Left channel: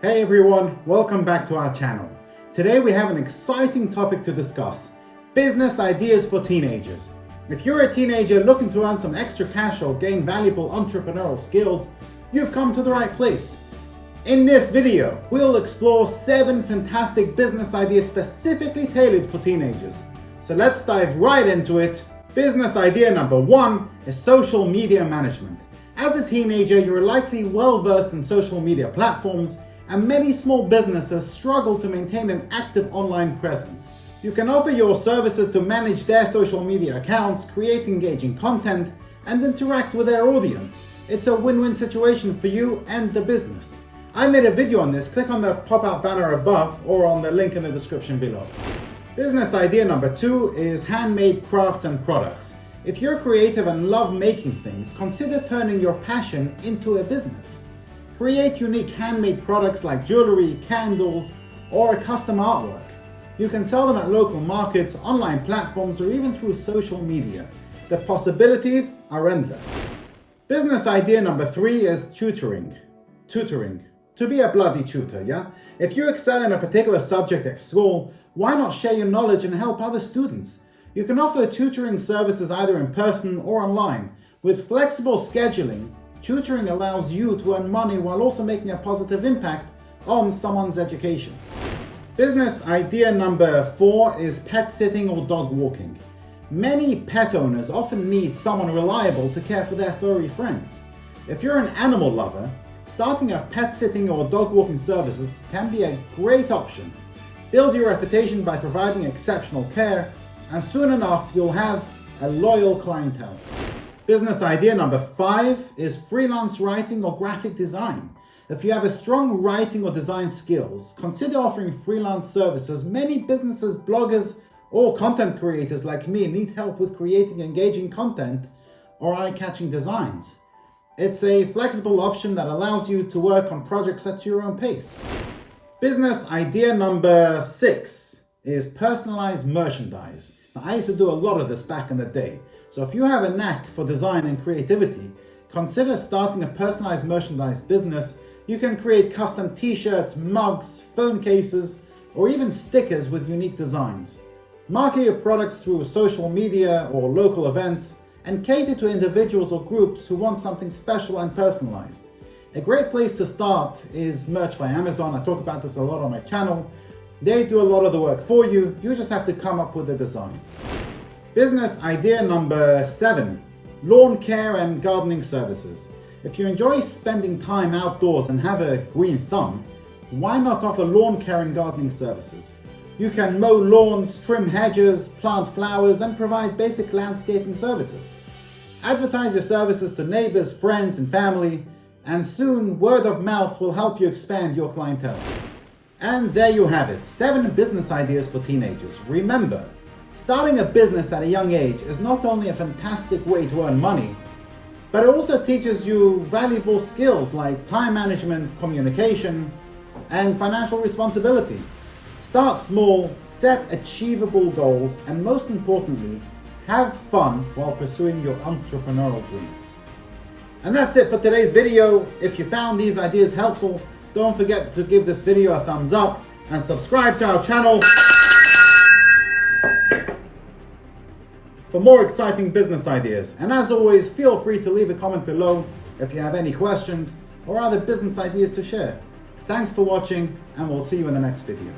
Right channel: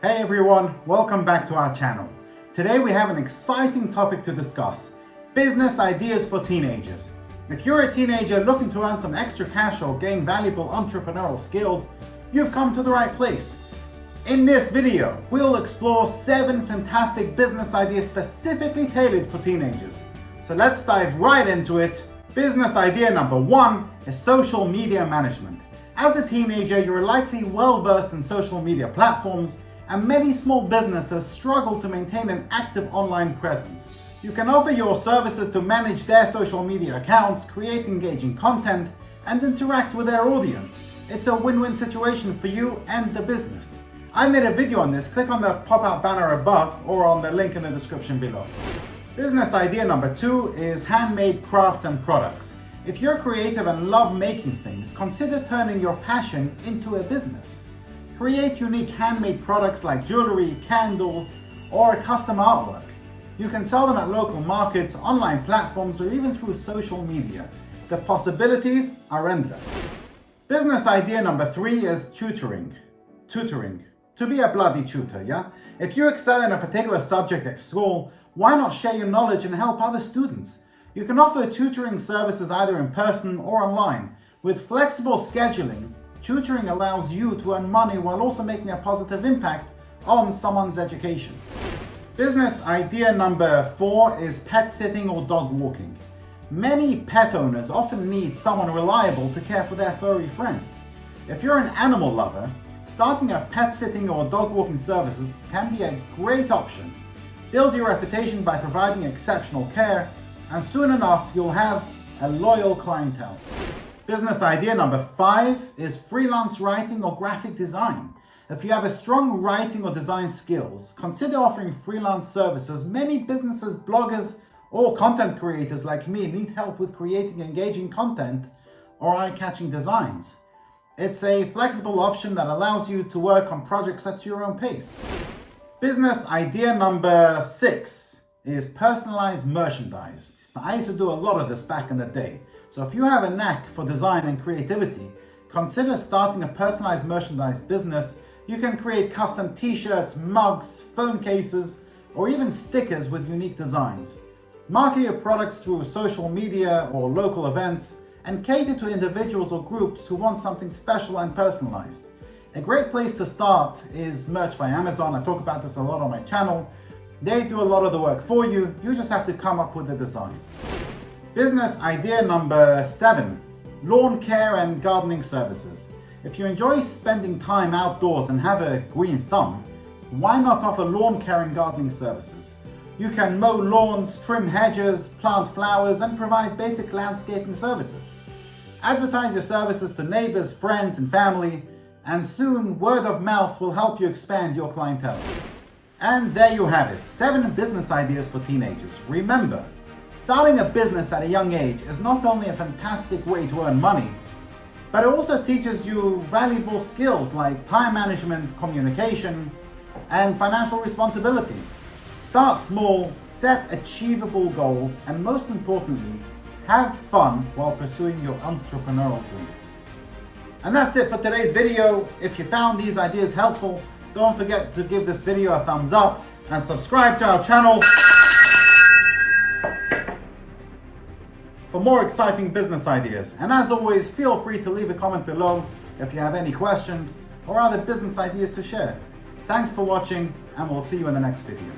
Hey everyone, welcome back to our channel. Today we have an exciting topic to discuss: business ideas for teenagers. If you're a teenager looking to earn some extra cash or gain valuable entrepreneurial skills, you've come to the right place. In this video, we'll explore 7 fantastic business ideas specifically tailored for teenagers. So let's dive right into it. Business idea number 1 is social media management. As a teenager, you're likely well versed in social media platforms, and many small businesses struggle to maintain an active online presence. You can offer your services to manage their social media accounts, create engaging content, and interact with their audience. It's a win-win situation for you and the business. I made a video on this. Click on the pop-out banner above or on the link in the description below. Business idea number 2 is handmade crafts and products. If you're creative and love making things, consider turning your passion into a business. Create unique handmade products like jewelry, candles, or custom artwork. You can sell them at local markets, online platforms, or even through social media. The possibilities are endless. Business idea number 3 is tutoring. To be a bloody tutor, yeah? If you excel in a particular subject at school, why not share your knowledge and help other students? You can offer tutoring services either in person or online. With flexible scheduling, tutoring allows you to earn money while also making a positive impact on someone's education. Business idea number 4 is pet sitting or dog walking. Many pet owners often need someone reliable to care for their furry friends. If you're an animal lover, starting a pet sitting or dog walking services can be a great option. Build your reputation by providing exceptional care, and soon enough you'll have a loyal clientele. Business idea number 5 is freelance writing or graphic design. If you have a strong writing or design skills, consider offering freelance services. Many businesses, bloggers, or content creators like me need help with creating engaging content or eye-catching designs. It's a flexible option that allows you to work on projects at your own pace. Business idea number 6 is personalized merchandise. Now, I used to do a lot of this back in the day. So if you have a knack for design and creativity, consider starting a personalized merchandise business. You can create custom t-shirts, mugs, phone cases, or even stickers with unique designs. Market your products through social media or local events and cater to individuals or groups who want something special and personalized. A great place to start is merch by Amazon. I talk about this a lot on my channel. They do a lot of the work for you. You just have to come up with the designs. Business idea number 7, lawn care and gardening services. If you enjoy spending time outdoors and have a green thumb, why not offer lawn care and gardening services? You can mow lawns, trim hedges, plant flowers, and provide basic landscaping services. Advertise your services to neighbors, friends, and family, and soon word of mouth will help you expand your clientele. And there you have it, 7 business ideas for teenagers. Remember, starting a business at a young age is not only a fantastic way to earn money, but it also teaches you valuable skills like time management, communication, and financial responsibility. Start small, set achievable goals, and most importantly, have fun while pursuing your entrepreneurial dreams. And that's it for today's video. If you found these ideas helpful, don't forget to give this video a thumbs up and subscribe to our channel for more exciting business ideas. And as always, feel free to leave a comment below if you have any questions or other business ideas to share. Thanks for watching, and we'll see you in the next video.